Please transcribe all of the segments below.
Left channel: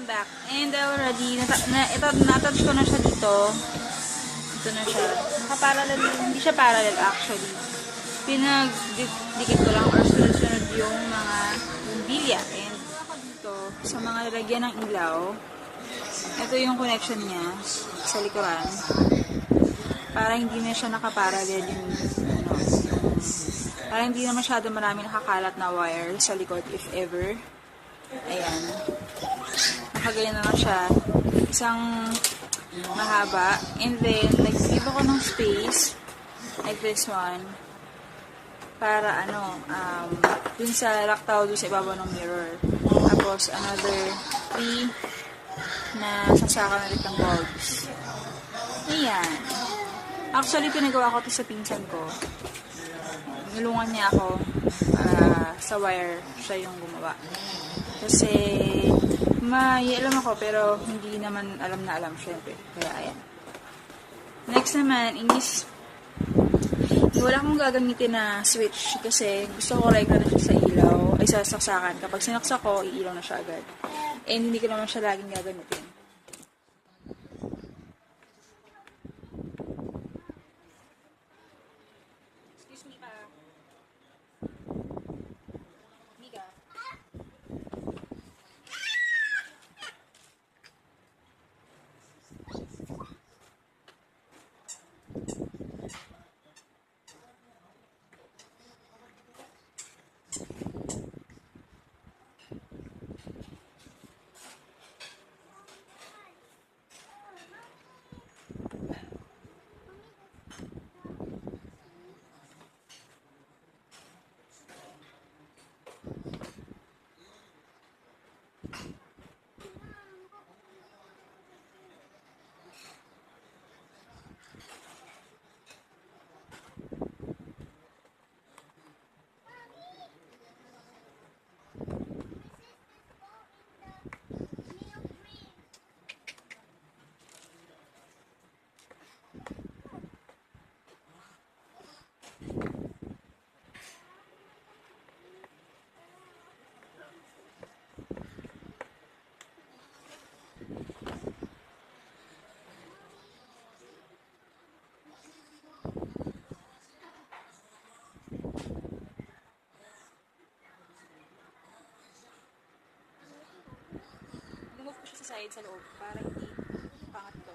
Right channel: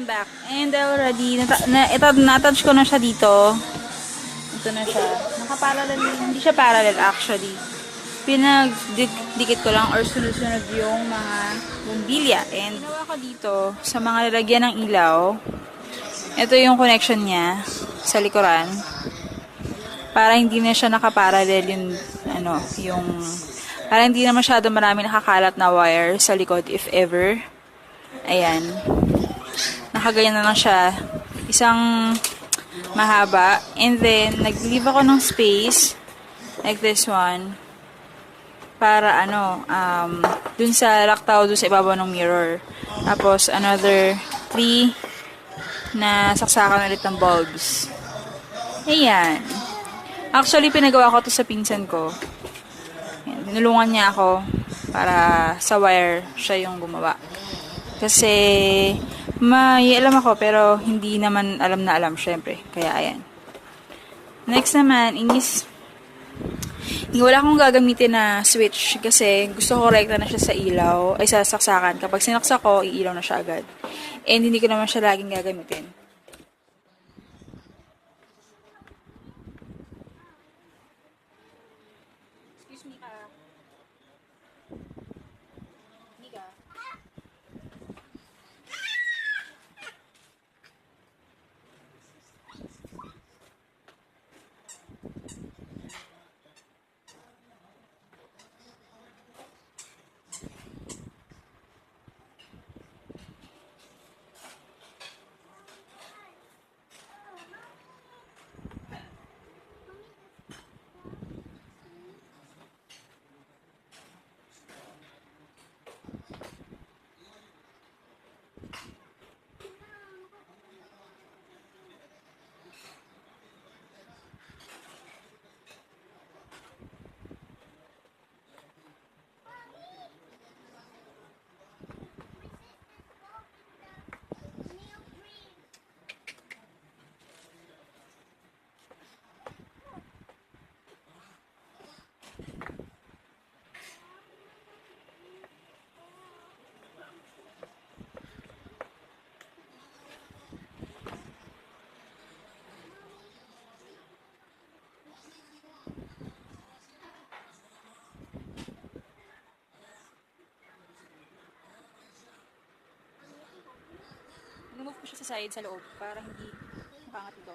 I'm back. And already, na-attach ko na siya dito. Ito na siya. Naka-parallel, hindi siya parallel actually. Pinag-dikit ko lang or sunod-sunod yung mga bumbilya. And ako dito, sa mga lalagyan ng ilaw, ito yung connection niya sa likuran. Para hindi na siya naka-parallel para hindi na masyado marami nakakalat na wire sa likod if ever. Ayan. Nakaganyan na lang siya. Isang mahaba. And then, nag-leave ako ng space like this one para dun sa laktaw, dun sa ibabaw ng mirror. Tapos, another 3 na saksakan ulit ng bulbs. Ayan. Actually, pinagawa ko to sa pinsan ko. Tinulungan niya ako para sa wire siya yung gumawa. Kasi may alam ako pero hindi naman alam na alam syempre. Kaya ayan. Next naman is wala akong gagamitin na switch kasi gusto ko rekta na siya sa ilaw ay sa saksakan. Kapag sinaksak ko, iilaw na siya agad. And hindi ko naman siya laging gagamitin. Lumove ko siya sa side sa loob para hindi pangat to.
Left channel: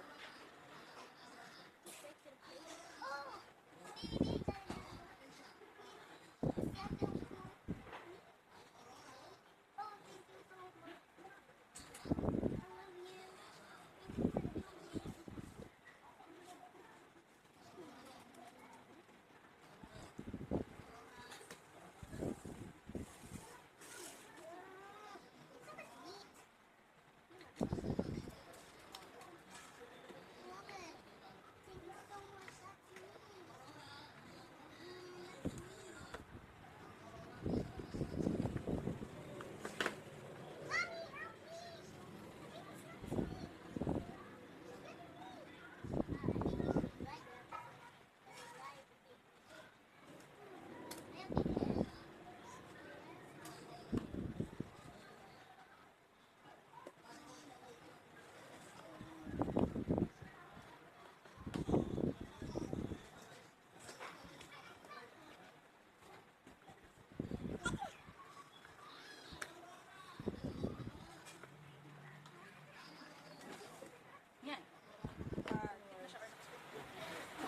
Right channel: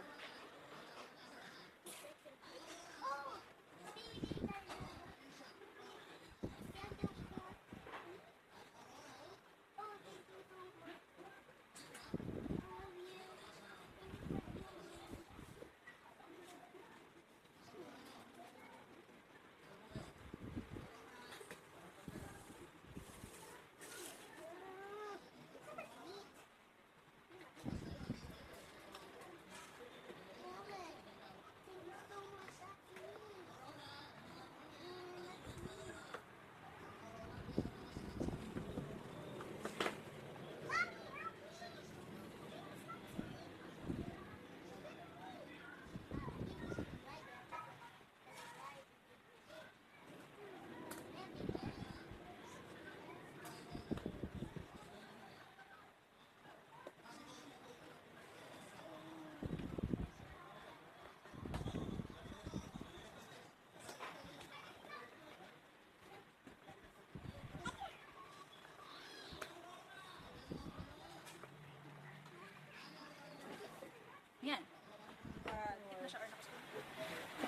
Yan.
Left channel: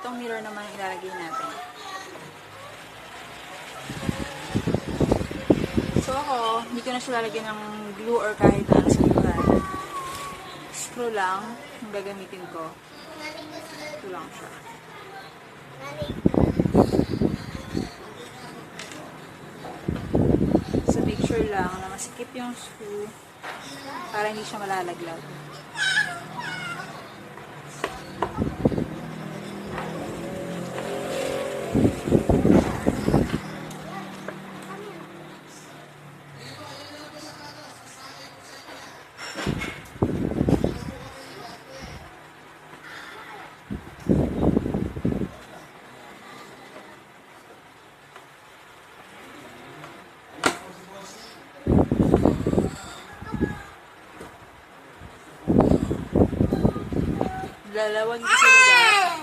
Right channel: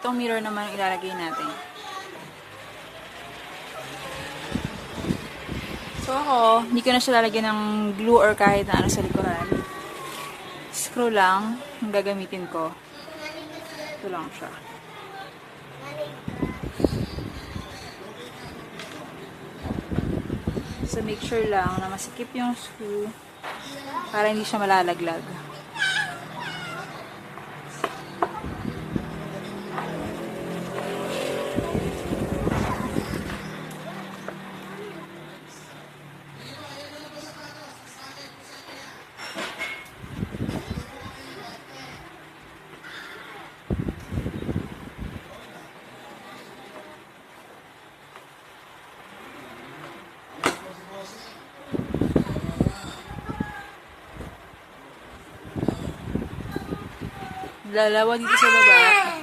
Itong mirror naman ilalagay natin. So ako, hindi ko na siya lalagyan ng glue or kahit na ano sa likuran. Screw lang ang gagamitin ko. Ito lang siya. So make sure lang na masikip yung screw para hindi siya malalaglag. Dalawa dito sa baba.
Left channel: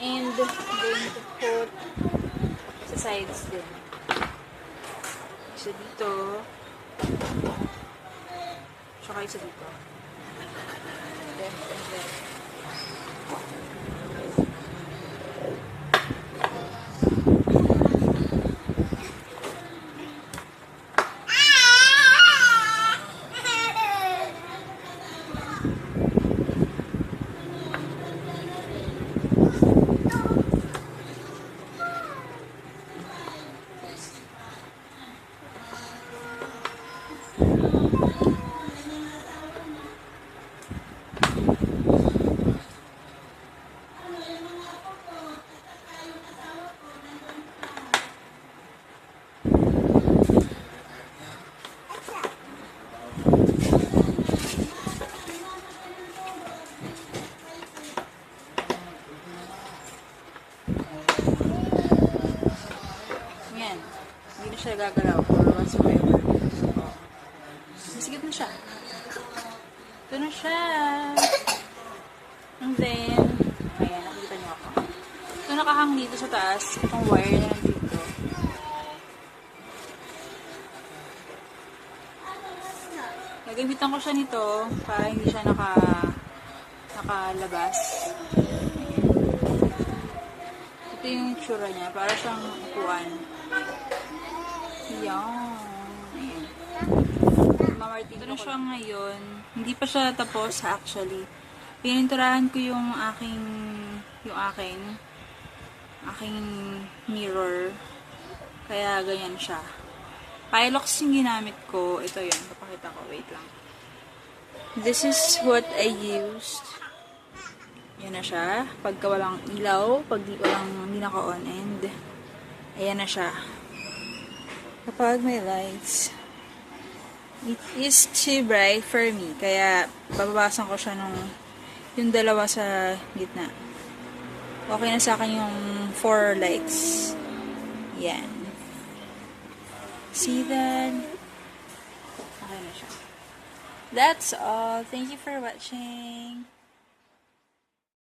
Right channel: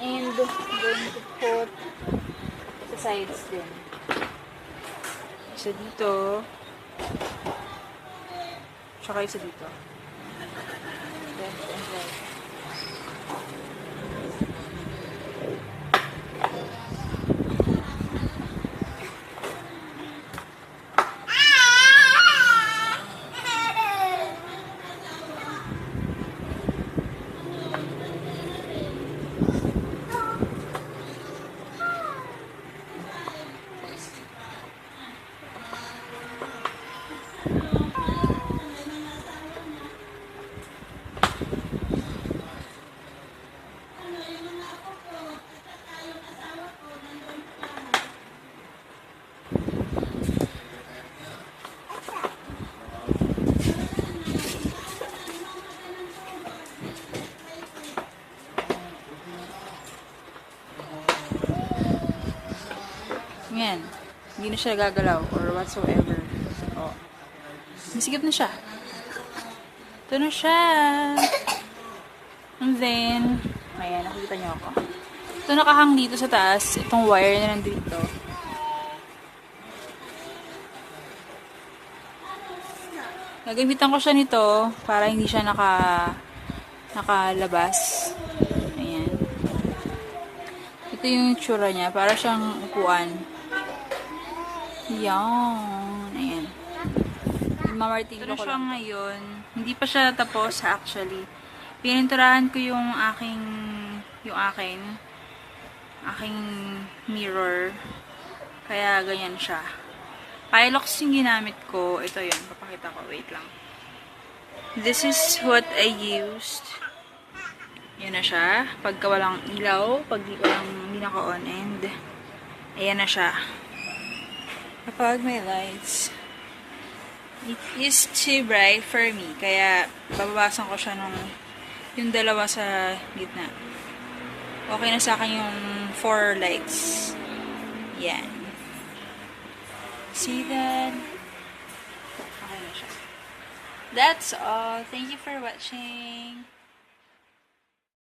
And going to put sa sides din. Isa dito. Tsaka isa dito. Then, and then. Yan. Hindi na siya gagalaw or whatsoever. Oh. Masigit na siya. Ito na siya. And then, ayan, nakikita niyo ako. Ito nakahang dito sa taas. Itong wire na nandito. Gagamitan ko siya nito para hindi siya nakalabas. Ayan. Ito yung tsura niya. Para siyang upuan. Yan. Ayan. Ito na siya ngayon. Hindi pa siya tapos actually. Pininturahan ko yung aking mirror. Kaya ganyan siya. Pilox yung ginamit ko. Ito yun. Papakita ko. Wait lang. This is what I used. Yan na siya. Pagka walang ilaw, pag hindi naka-on, and ayan na siya. Kapag may lights, it is too bright for me. Kaya, bababasan ko siya yung dalawa sa gitna. Okay na sa akin yung 4 lights. Yan. See that? Okay na siya. That's all. Thank you for watching.